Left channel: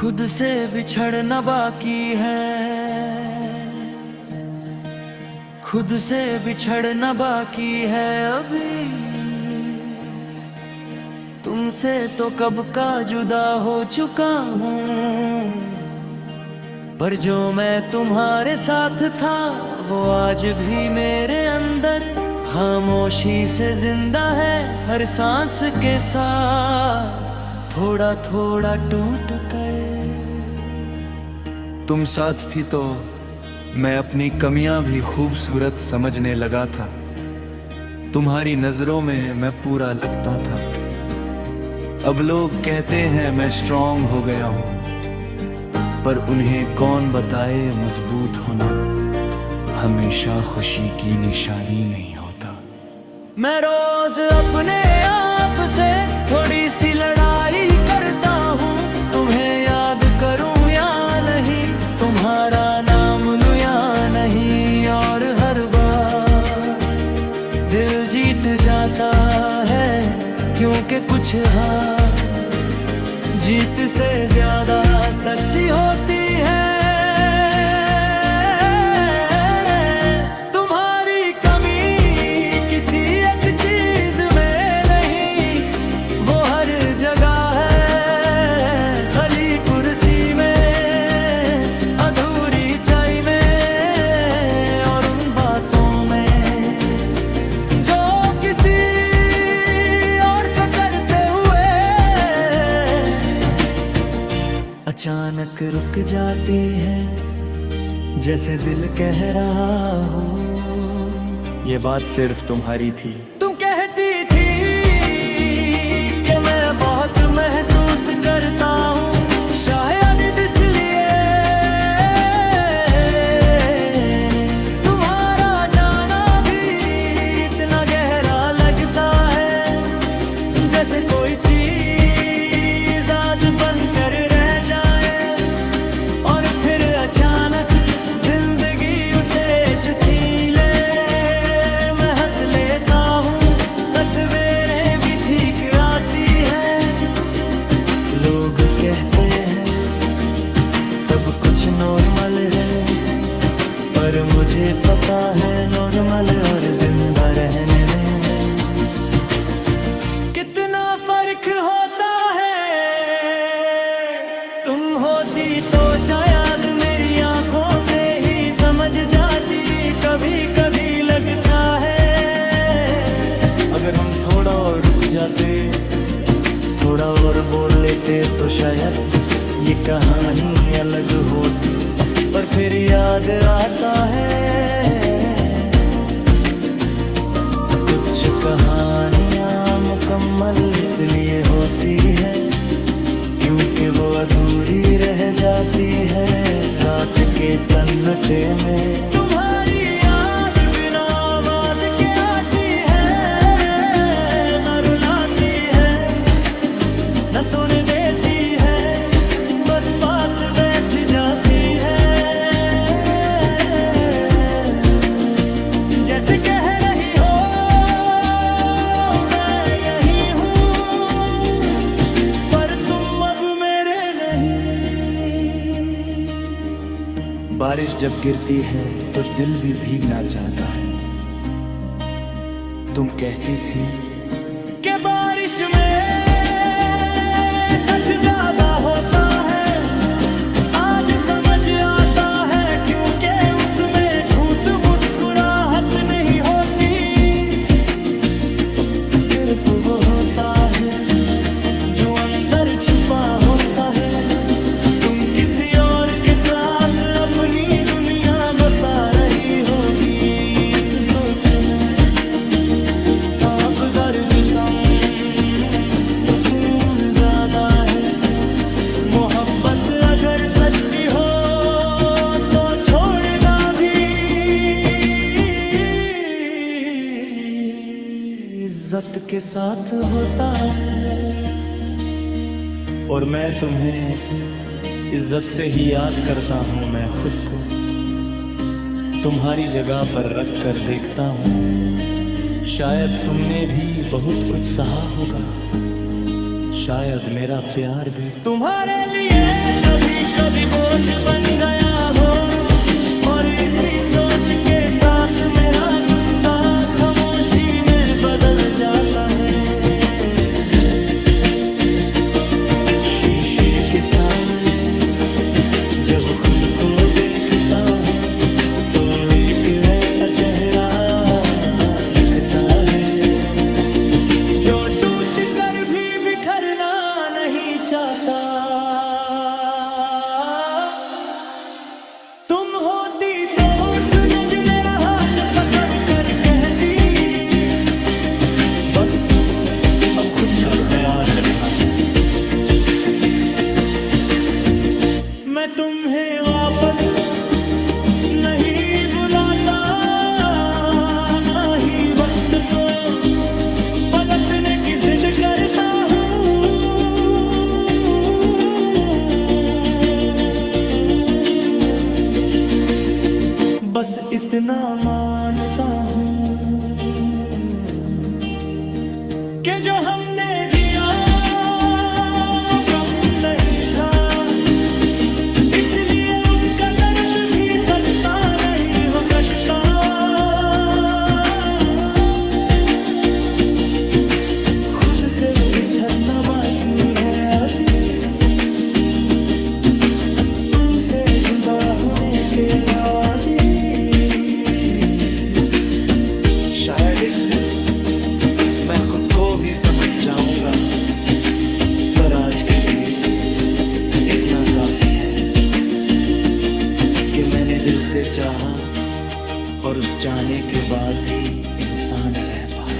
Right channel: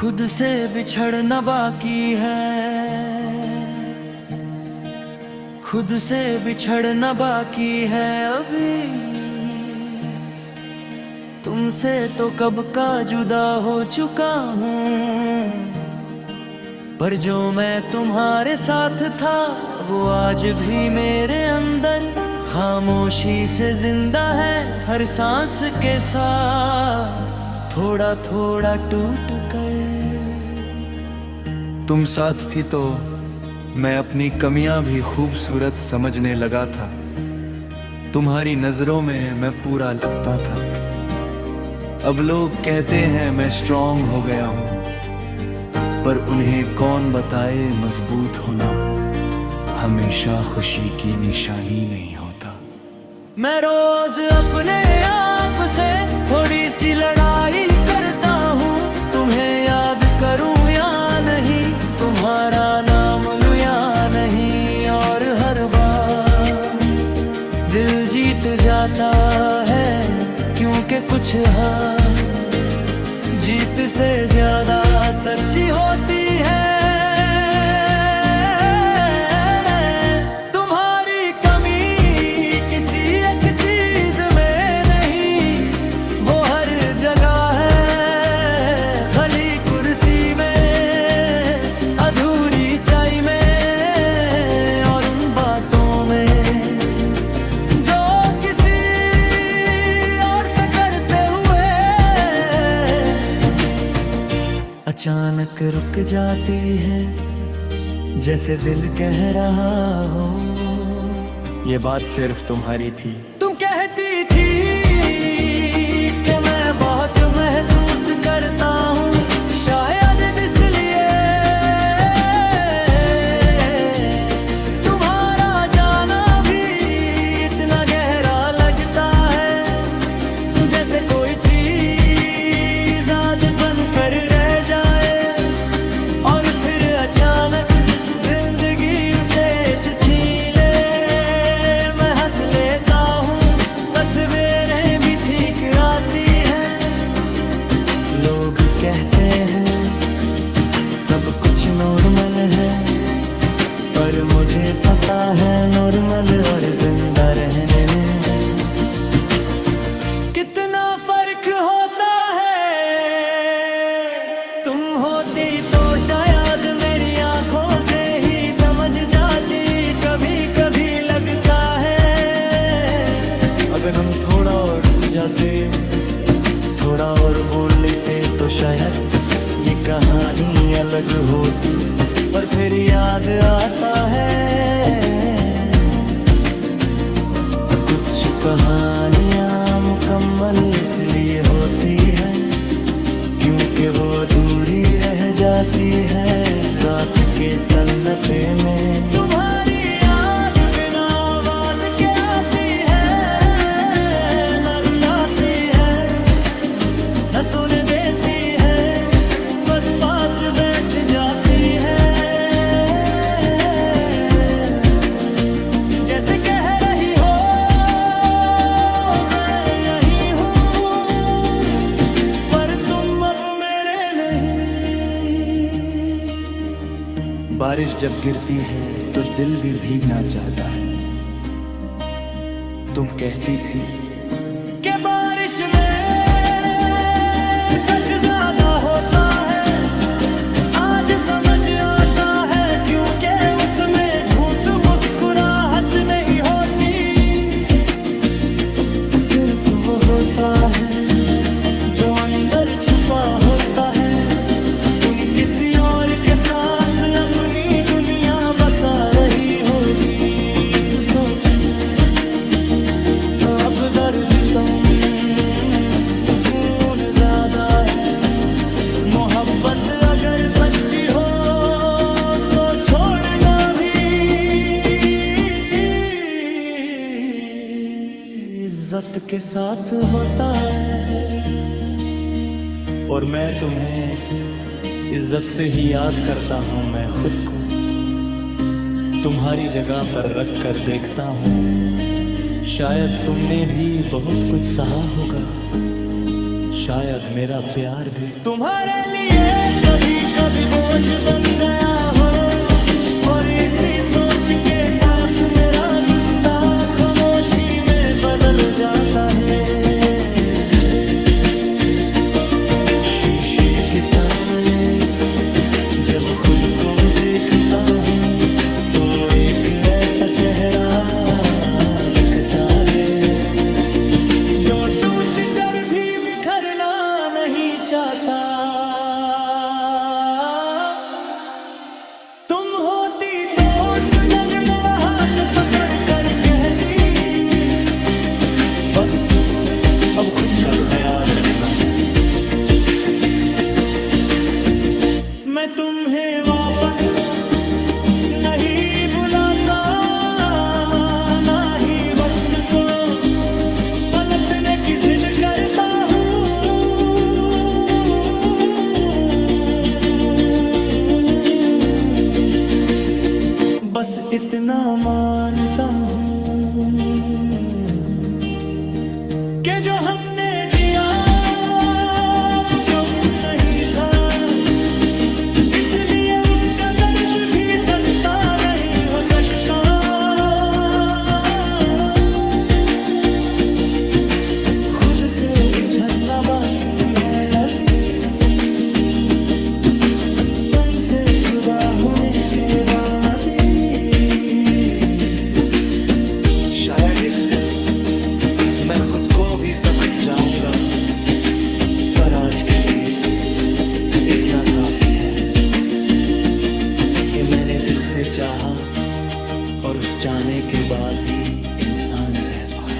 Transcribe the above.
खुद से बिछड़ना बाकी है, खुद से बिछड़ना बाकी है अभी। तुमसे तो कब का जुदा हो चुका हूँ, पर जो मैं तुम्हारे साथ था वो आज भी मेरे अंदर खामोशी से जिंदा है। हर सांस के साथ थोड़ा थोड़ा टूट कर। तुम साथ थी तो मैं अपनी कमियां भी खूबसूरत समझने लगा था। तुम्हारी नजरों में मैं पूरा लगता था। अब लोग कहते हैं मैं स्ट्रांग हो गया हूं, पर उन्हें कौन बताए मजबूत होना हमेशा खुशी की निशानी नहीं होता। मैं रोज अपने आप से थोड़ी सी लड़ाई करता हूँ, तुम्हें याद करूँ या नहीं, तुम्हारा नाम लूँ या नहीं। और हर बार दिल जीत जाता है, क्योंकि कुछ हार जीत से ज्यादा सच्ची होती है। तुम्हारी कमी किसी एक चीज में नहीं, वो हर जगह है। खाली कुर्सी में, अधूरी चाय में, और उन बातों में जो किसी और से करते हुए अचानक रुक जाती है, जैसे दिल कह रहा हो ये बात सिर्फ तुम्हारी थी। तुम कहती थी कि मैं बहुत महसूस करता हूँ, शायद इसलिए तुम्हारा जाना भी इतना गहरा लगता है, जैसे कोई चीज आदत बनकर रह जाए और फिर अचानक जिंदगी उसे छीन ले। मैं हंस लेता हूँ, तस्वीरें भी ठीक आती हैं। लोग कहते हैं सब कुछ नॉर्मल है, पर मुझे पता है नॉर्मल और जिंदा रहने में कितना फर्क होता है। तुम होती तो शायद मेरी आंखों से ही समझ जाती। कभी कभी लगता है अगर हम थोड़ा और रुक जाते, थोड़ा और बोल लेते तो शायद ये कहानी अलग होती। पर फिर याद आता है कुछ कहानियां मुकम्मल इसलिए होती है, क्योंकि वो अधूरी रह जाती है रात के सन्नाटे में। तुम्हारी याद बिना आवाज के आती है, न रुलाती है न सोने देती है, बस पास बैठ जाती है। जैसे कह रही हो मैं यही हूँ, पर तुम अब मेरे नहीं। बारिश जब गिरती है तो दिल भी भीगना चाहता है। तुम कहती थी कि बारिश में सच ज्यादा होता है, आज समझ आता है, क्योंकि उसमें झूठ मुस्कुराहट नहीं होती। सिर्फ वो होता है जो अंदर छुपा होता है। तुम किसी और के साथ अपनी दुनिया बसा रही होगी इस सोच में। अब दर्द कम, सुकून ज्यादा है। मोहब्बत अगर सच्ची हो तो छोड़ना भी इज्जत के साथ होता है। और मैं तुम्हें इज्जत से ही याद करता हूँ। मैं खुद को तुम्हारी जगह पर रख कर देखता हूँ। शायद तुमने भी बहुत कुछ सहा होगा, शायद मेरा प्यार भी तुम्हारे लिए कभी कभी बोझ बन गया हो, और इसी सोच के साथ मेरा गुस्सा खामोशी में बदल जाता है। शीशे के सामने जब खुद को देखता हूँ तो एक ऐसा चेहरा दिखता है जो टूट कर भी बिखरना नहीं चाहता। तुम होती तो सूरज मेरा हाथ पकड़ कर कहती, बस अब खुद का ख्याल रखना। मैं तुम्हें वापस नहीं बुलाता, ना ही वक्त को पलटने की जिद करता हूँ। बस इतना मानता हूँ कि जो हमने जिया वो कम नहीं था, इसलिए उसका दर्द भी सस्ता नहीं हो सकता। खुद से बिछड़ना बाकी है अभी, तुमसे जुदा होने के बाद ही। शायद एक दिन मैं खुद को भी समझ जाऊंगा, पर आज के लिए इतना काफी है कि मैंने दिल से चाहा और उस जाने के बाद भी इंसान रह पाया।